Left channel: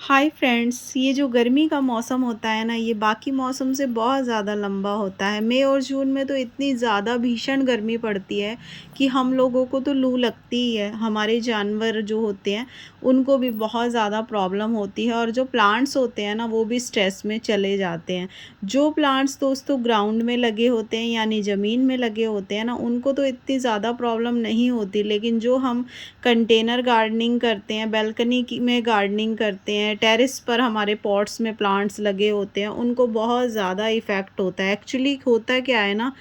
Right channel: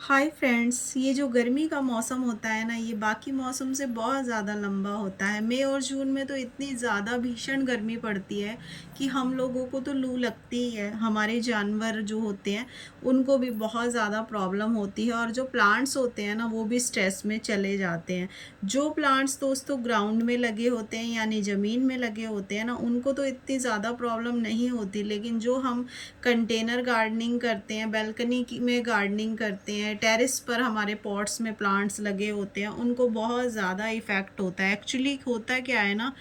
Hi friends, ये जो गर्मी का मौसम होता है ना, ये बाकी मौसम से बहुत ज़्यादा लंबा होता है। मई और जून में तो इतनी ज़्यादा भीषण गर्मी पड़ती है कि हम लोगों को तो लू लगती ही है। हमारे जानवर जो होते हैं उनको भी बहुत ज़्यादा प्रॉब्लम होती है और जो प्लांट्स होते हैं ना वो भी स्ट्रेस में चले जाते हैं। जो प्लांट्स दोस्तों ग्राउंड में लगे होते हैं यानी ज़मीन में लगे होते हैं ना, उनको तो इतनी ज़्यादा प्रॉब्लम नहीं होती, लेकिन जो हम कंटेनर गार्डनिंग करते हैं, बालकनी की में गार्डनिंग करते हैं, टेरेस पर हमारे पॉट्स में प्लांट्स लगे होते हैं, उनको बहुत ज़्यादा इफ़ेक्ट होता है। एक्चुअली होता क्या है ना,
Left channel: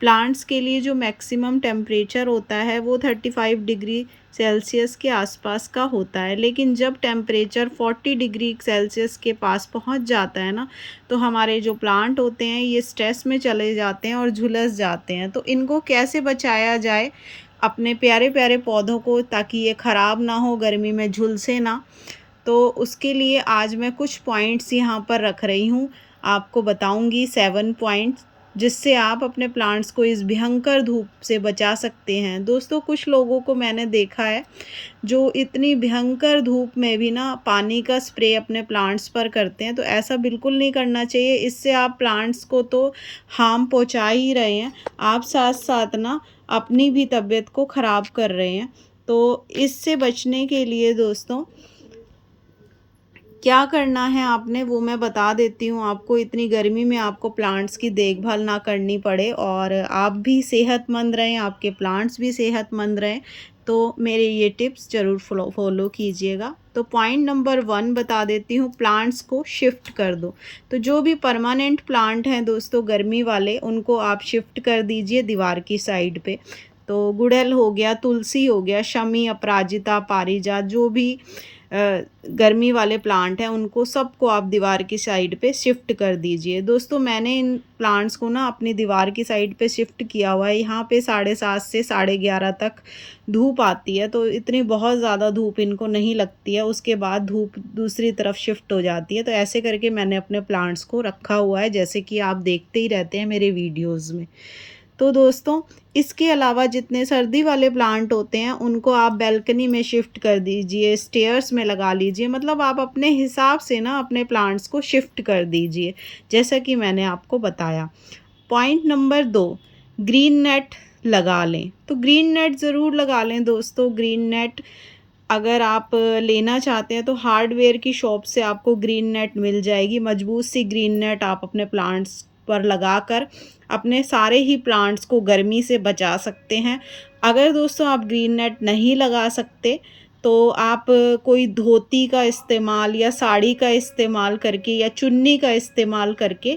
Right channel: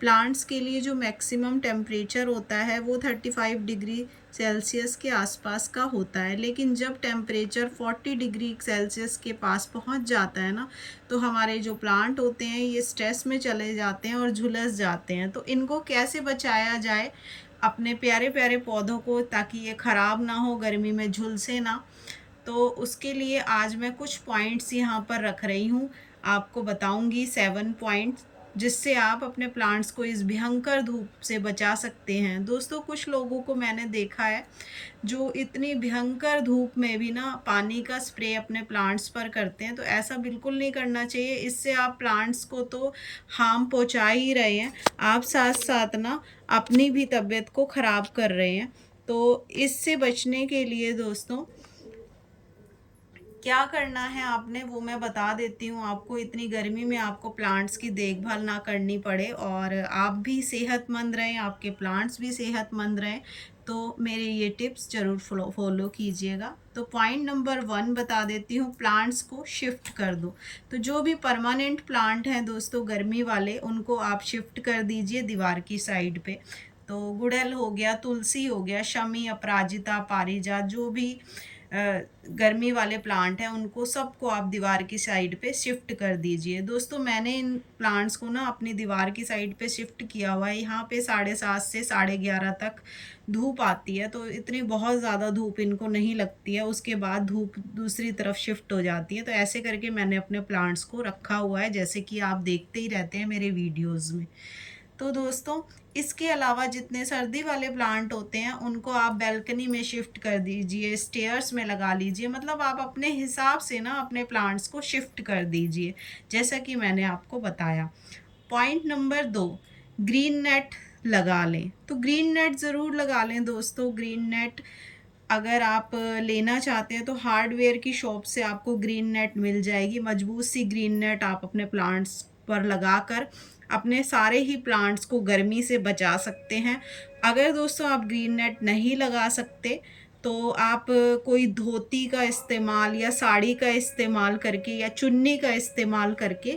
प्लांट्स के लिए जो मैक्सिमम टेम्परेचर होता है वो 35 डिग्री सेल्सियस के आसपास का होता है, लेकिन जब टेम्परेचर 40 डिग्री सेल्सियस के पास पहुंच जाता है ना, तो हमारे जो प्लांट होते हैं ये स्ट्रेस में चले जाते हैं और झुलस जाते हैं। तो इनको कैसे बचाया जाए अपने प्यारे प्यारे पौधों को, ताकि ये ख़राब ना हो, गर्मी में झुलसे ना। तो उसके लिए आज मैं कुछ पॉइंट्स यहाँ पर रख रही हूँ, आपको बताऊँगी 7 पॉइंट्स, जिससे आप अपने प्लांट्स को इस भयंकर धूप से बचा सकते हैं। दोस्तों, कुछ लोगों को मैंने देखा है जो इतनी भयंकर धूप में भी ना पानी का स्प्रे अपने प्लांट्स पर करते हैं, तो ऐसा बिल्कुल नहीं करना चाहिए। इससे आप प्लांट्स को तो हार्म पहुंचा ही रहे हैं, आप साथ साथ ना अपनी भी तबीयत को ख़राब कर रहे हैं। तो इससे बचने के लिए दोस्तों क्या करना है आपने वो मैं बता देती हूँ आपको। इतनी गर्मी में आपको प्लांट्स की देखभाल ना करनी पड़े और आप भी सेहतमंद रहें, आपके प्लांट्स भी सेहतमंद रहें, तो मेरे ये टिप्स ज़रूर फॉलो कीजिएगा। तो पॉइंट नंबर 1 बता देती हूँ, प्लांट्स को शिफ्ट कर दो। तो जो भी परमानेंट प्लांट हैं दोस्तों गर्मी वाले, उनको आप शिफ्ट कर दीजिए दीवार की साइड पे। तो गुड़हल हो गया, तुलसी हो गया, शमी, अपराजिता, पारिजात, जो भी गर्मी वाले प्लांट हैं उनको सबको आप दीवार की साइड पे शिफ्ट कर दीजिए। दोस्तों, मैंने इन प्लांट्स को ना अपनी दीवार की साइड पे शिफ्ट किया हुआ है। यहाँ पे 7:30 से 11:30 तक धूप आती है, तो इतनी बहुत ज़्यादा धूप इनको नहीं लगती है, उसके बाद धूप दूसरी तरफ शिफ्ट हो जाती है। तो ऐसे करके मैंने अपने प्लांट्स को रखा हुआ है, जैसे कि आप देखते ही रहते हैं मेरे वीडियोज़ में। तो दोस्तों, इसके अलावा जितने सर्दी वाले प्लांट होते हैं उनको आप बालकनी में शिफ्ट कर दीजिए, स्टेयर्स में लगा लीजिए, मतलब आप अपने हिसाब से ना अपने प्लांट्स को शिफ्ट कर दीजिए, जैसा कि मैंने आपको बताया। पॉइंट नंबर 2, ग्रीन नेट लगा लें। तो ग्रीन नेट ज़रूर लगा लें दोस्तों। ग्रीन नेट अगर आप लेना चाहते हैं तो हार्डवेयर की शॉप से आपको ग्रीन नेट मिल जाएगी। मजबूत सी ग्रीन नेट आप अपने प्लांट्स पर लगाकर अपने सारे ही प्लांट्स को गर्मी से बचा सकते हैं। अगर दोस्तों आप ग्रीन नेट नहीं लगा सकते, तो आप कोई धोती का इस्तेमाल या साड़ी का इस्तेमाल करके या चुन्नी का इस्तेमाल करके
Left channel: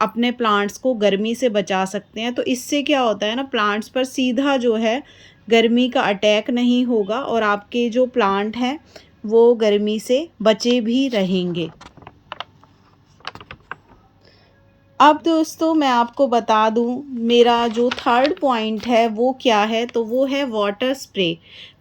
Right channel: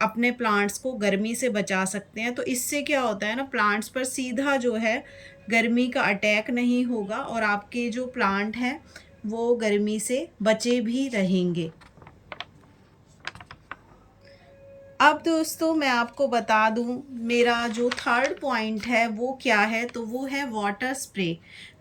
अपने प्लांट्स को गर्मी से बचा सकते हैं। तो इससे क्या होता है ना, प्लांट्स पर सीधा जो है गर्मी का अटैक नहीं होगा और आपके जो प्लांट हैं वो गर्मी से बचे भी रहेंगे। अब दोस्तों मैं आपको बता दूं, मेरा जो थर्ड पॉइंट है वो क्या है, तो वो है वाटर स्प्रे।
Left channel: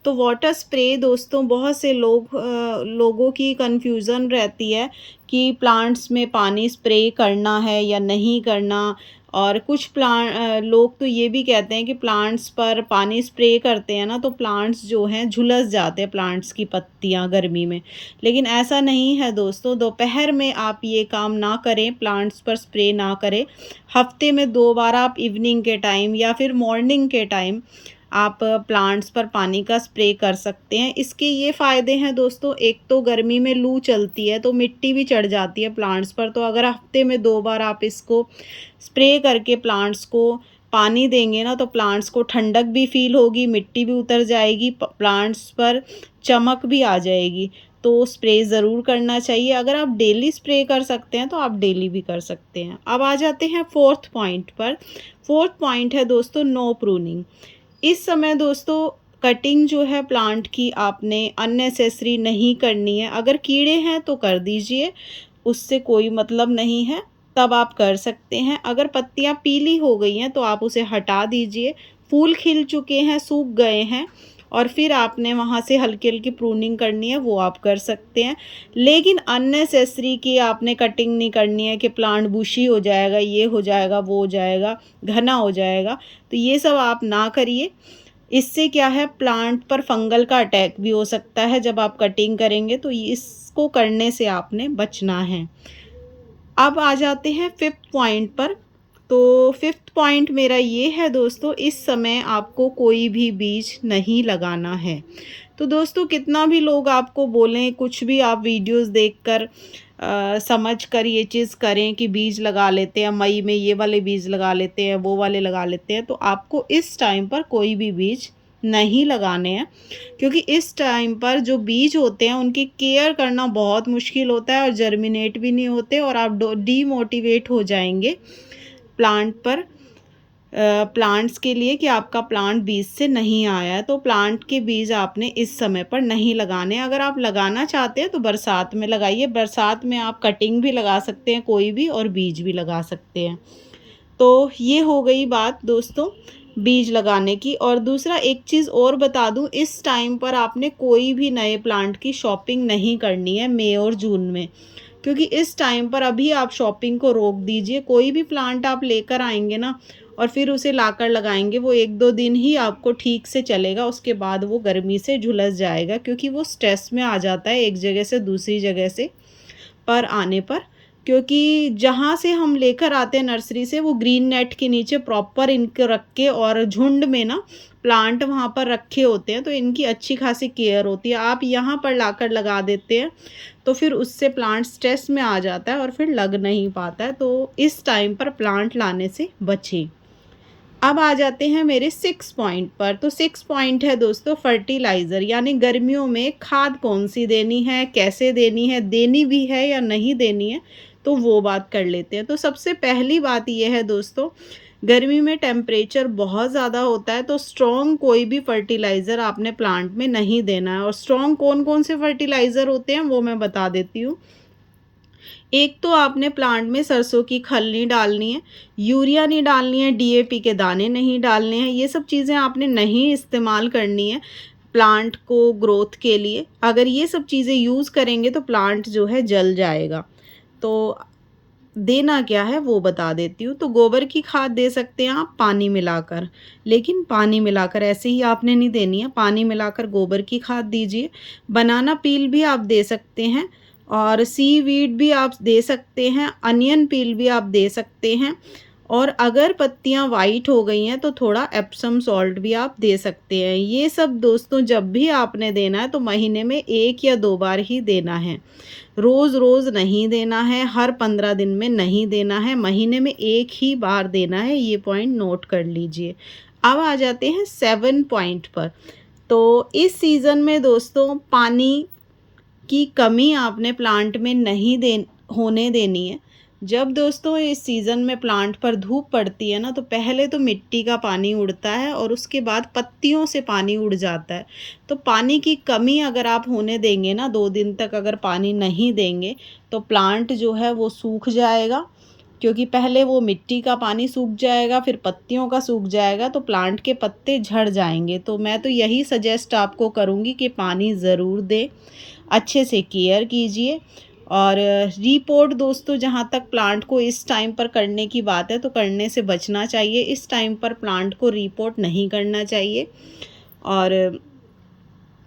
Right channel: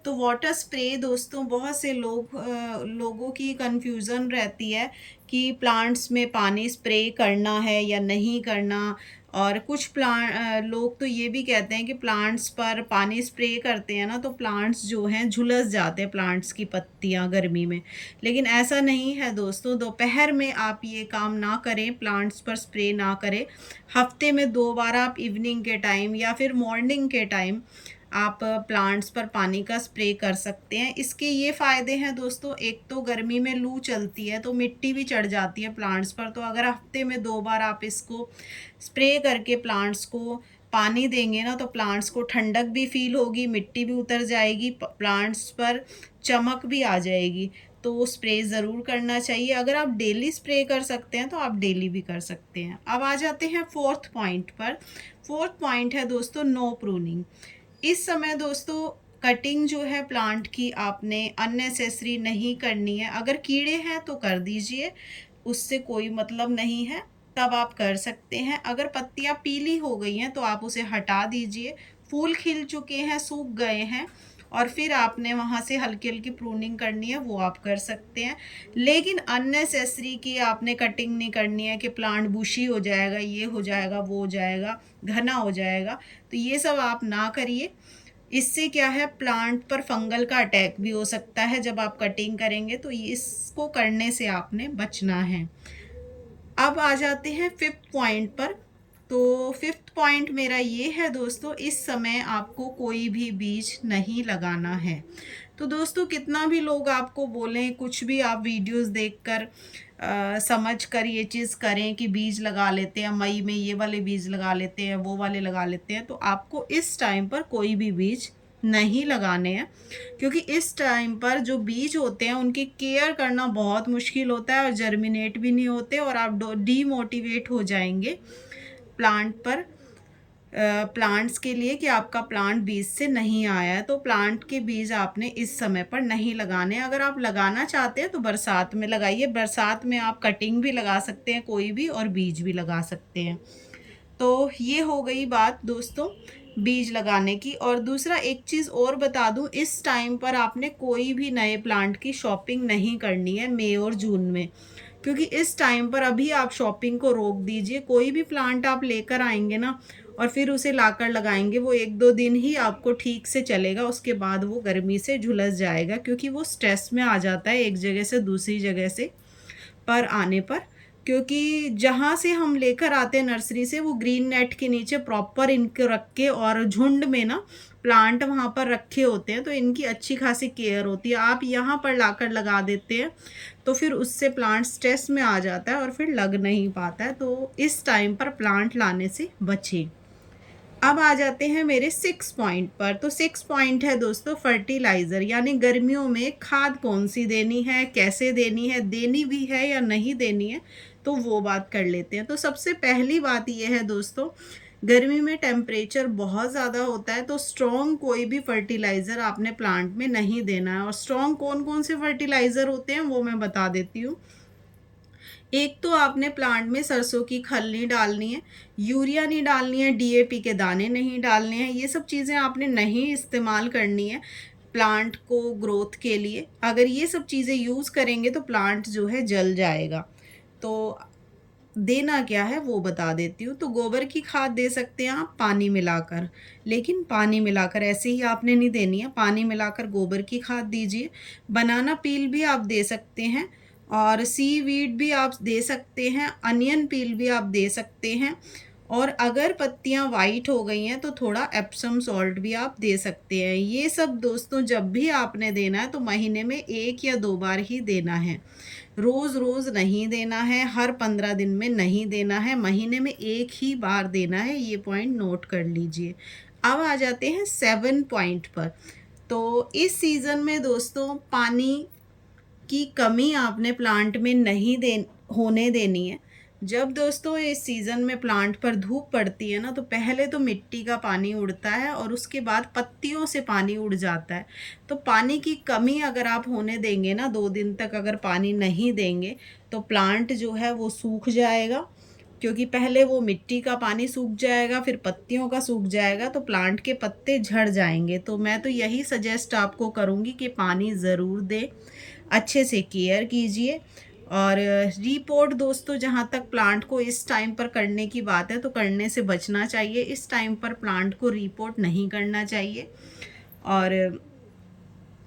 तो वाटर स्प्रे दोस्तों, बहुत से लोगों की कंफ्यूजन रहती है कि प्लांट्स में पानी स्प्रे करना है या नहीं करना। और कुछ लोग तो ये भी कहते हैं कि प्लांट्स पर पानी स्प्रे करते हैं ना, तो प्लांट्स जो हैं झुलस जाते हैं, प्लांट्स की पत्तियां गर्मी में। लेकिन ऐसा नहीं है दोस्तों, दोपहर में आप ये काम ना करें, प्लांट्स पर स्प्रे ना करें। हफ्ते में 2 बार आप इवनिंग के टाइम या फिर मॉर्निंग के टाइम आप प्लांट्स पर पानी का स्प्रे कर सकते हैं। इसके ये फ़ायदे हैं दोस्तों, एक तो गर्मी में लू चलती है तो मिट्टी भी चढ़ जाती है प्लांट्स पर, तो अगर हफ्ते में 2 बार आप इसको स्प्रे करके प्लांट्स को पानी देंगे ना, तो प्लांट्स को ठंडक भी फील होगी, मिट्टी भी उतर जाएगी, प्लांट्स पर चमक भी आ जाएगी। तो स्प्रे ज़रूर करना चाहिए। अगर आप डेली स्प्रे कर सकते हैं तो आप डेली भी कर सकते हैं। अब आ जाते हैं फोर्थ पॉइंट पर। फोर्थ पॉइंट है दोस्तों, नो प्रूनिंग। इस समय दोस्तों कटिंग जो है प्लांट की आपने अननेसेसरी नहीं करनी है। अगर कीड़े हैं तो कर दीजिए, उससे कोई मतलब नहीं है, तब आप कर सकते हैं। अगर पत्तियां पीली हो गई हैं तो आप उसे हटा दीजिए। फूल खिल चुके हैं, सूख गए हैं और फिर आपने वहाँ से हल्की हल्की प्रूनिंग करनी है, वो आप कर सकते हैं। लेकिन अननेसेसरी कि आपने कटिंग नहीं करनी है कि प्लांट बुशी हो जाएगा, ये हो जाएगा, वो हो जाएगा, घना हो जाएगा, तो ये सब आप ना करिए। इससे क्या है, प्लांट पर फंगल का अटैक भी हो सकता है जब आप कटिंग करेंगे, तो इसको करने से आपने बचना है। अब आ जाते हैं 5th पॉइंट पर। तो 5th पॉइंट मेरा ये है दोस्तों, इस समय आपको कोई भी बीज नहीं लगाना है। तो दोस्तों कितना भी लोग आपको बोलें, कुछ भी आप वीडियोस देखकर समझ कर ये चीज़ करें कि बीज लगा लेते हैं, मई में ये वाले बीज लगा लेते हैं, वो वाले लगा लेते हैं, तो आपको इस टाइम पर कोई भी बीज नहीं लगाने हैं। क्योंकि इस टाइम पर जो बीज होते हैं उनकी केयर करना बहुत मुश्किल होता है और जर्मिनेट भी नहीं होते, और आप डीमोटिवेट हो जाएंगे प्लांट्स के लिए कि आपका प्लांट बीज से नहीं आया है। तो प्लांट के बीज आपने इस समय पर नहीं लगाने। अगर आप लगाना चाहते हैं तो बरसात में लगाइए। बरसात में आप कटिंग भी लगा सकते हैं कोई भी, और बीज भी लगा सकते हैं। तो ये हो गई बात दोस्तों बीज लगाने की। और दूसरा एक चीज़ और बता दूं, इस टाइम पर आपने कोई भी नए प्लांट की शॉपिंग नहीं करनी है मई और जून में, क्योंकि इस टाइम पर अभी आप शॉपिंग को रोक दीजिए। कोई भी प्लांट आप लेकर आएंगे ना और फिर उसे लाकर लगाएंगे, वो 1-2 दिन ही आपको ठीक से चलेगा, उसके बाद वो गर्मी से झुलस जाएगा, क्योंकि वो स्ट्रेस में आ जाता है एक जगह से दूसरी जगह से पर आने पर। क्योंकि जहाँ से हम लेकर आते हैं नर्सरी से, वो ग्रीन नेट के नीचे प्रॉपर इनको रख के और झुंड में ना प्लांट वहाँ पर रखे होते हैं, तो इनकी अच्छी खासी केयर होती है। आप यहाँ पर लाकर लगा देते हैं तो फिर उससे प्लांट स्ट्रेस में आ जाता है और फिर लग नहीं पाता है। तो इस टाइम पर प्लांट लाने से बचें। अब आ जाते हैं मेरे 6 पॉइंट पर। तो 6 पॉइंट है दोस्तों फर्टिलाइज़र, यानी गर्मियों में खाद कौन सी देनी है, कैसे देनी है, देनी भी है या नहीं देनी है, तो वो बात कर लेते हैं। तो सबसे पहली बात ये है दोस्तों, गर्मी में टेम्परेचर बहुत ज़्यादा होता है, तो स्ट्रॉन्ग कोई भी फर्टिलाइज़र आपने प्लांट में नहीं देना है। और स्ट्रॉन्ग कौन कौन से फर्टिलाइज़र होते हैं वो मैं बता देती हूँ। एक तो आपने प्लांट में सरसों की खल नहीं डालनी है, यूरिया नहीं डालनी है, डीएपी के दाने नहीं डालने हैं। ये सब चीज़ें आपने नहीं इस्तेमाल करनी है प्लांट को ग्रोथ के लिए। अगर ये सब चीज़ें यूज़ करेंगे तो प्लांट जो है जल जाएगा। तो देना क्या है वो बता देती हूँ। तो गोबर की खाद दे सकते हैं आप पानी मिलाकर, लेकिन पानी मिलाकर ऐसे ही आपने नहीं देनी है, पानी मिलाकर गोबर की खाद दीजिए। बनाना पील भी आप दे सकते हैं, और सीवीड भी आप दे सकते हैं, अनियन पील भी आप दे सकते हैं। और अगर पत्तियां वाइट हो गई हैं तो थोड़ा एप्सम सॉल्ट भी आप दे सकते हैं। ये सब दोस्तों जब भी आपने देना है तो महीने में 1 या 2 बार ही देना है, रोज़ रोज़ नहीं देना है, हर 15 दिन में नहीं देना है, महीने में 1 ही बार देना है। ये पॉइंट नोट कर लीजिए। अब आ जाते हैं 7 पॉइंट पर। तो इस सीज़न में दोस्तों पानी की कमी आपने प्लांट में नहीं होने देनी है। जब दोस्तों इस सीज़न में प्लांट पर धूप पड़ती है ना, तो पहले तो मिट्टी का पानी उड़ता है और उसके बाद पत्तियों से पानी उड़ जाता है। तो पानी की कमी अगर आप होने देंगे ना, 2 दिन तक अगर पानी नहीं देंगे तो प्लांट जो है वो सूख जाएगा। क्योंकि पहले वो मिट्टी का पानी सूख जाएगा, फिर पत्तियों का सूख जाएगा, तो प्लांट के पत्ते झड़ जाएंगे। तो मैं तो यही सजेस्ट आपको करूँगी कि पानी ज़रूर दें, अच्छे से केयर कीजिए। और रिपोर्ट दोस्तों, जहाँ तक प्लांट को इस टाइम पर करने की बात है तो करने से बचना चाहिए। इस टाइम पर प्लांट को रिपोर्ट नहीं करना चाहिए और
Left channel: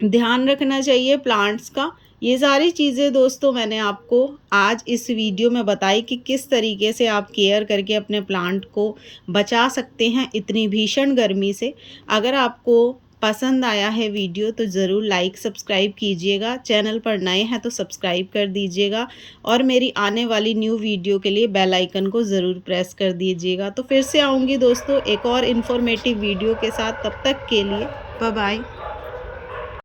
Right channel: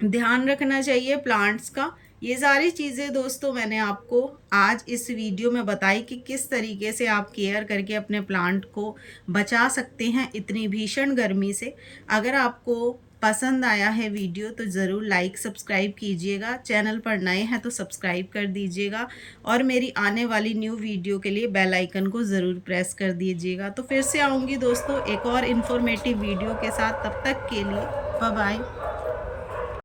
ध्यान रखना चाहिए प्लांट्स का। ये सारी चीज़ें दोस्तों मैंने आपको आज इस वीडियो में बताई कि किस तरीके से आप केयर करके अपने प्लांट को बचा सकते हैं इतनी भीषण गर्मी से। अगर आपको पसंद आया है वीडियो तो ज़रूर लाइक सब्सक्राइब कीजिएगा। चैनल पर नए हैं तो सब्सक्राइब कर दीजिएगा और मेरी आने वाली न्यू वीडियो के लिए बेल आइकन को ज़रूर प्रेस कर दीजिएगा। तो फिर से आऊँगी दोस्तों एक और इन्फॉर्मेटिव वीडियो के साथ। तब तक के लिए बाय बाय।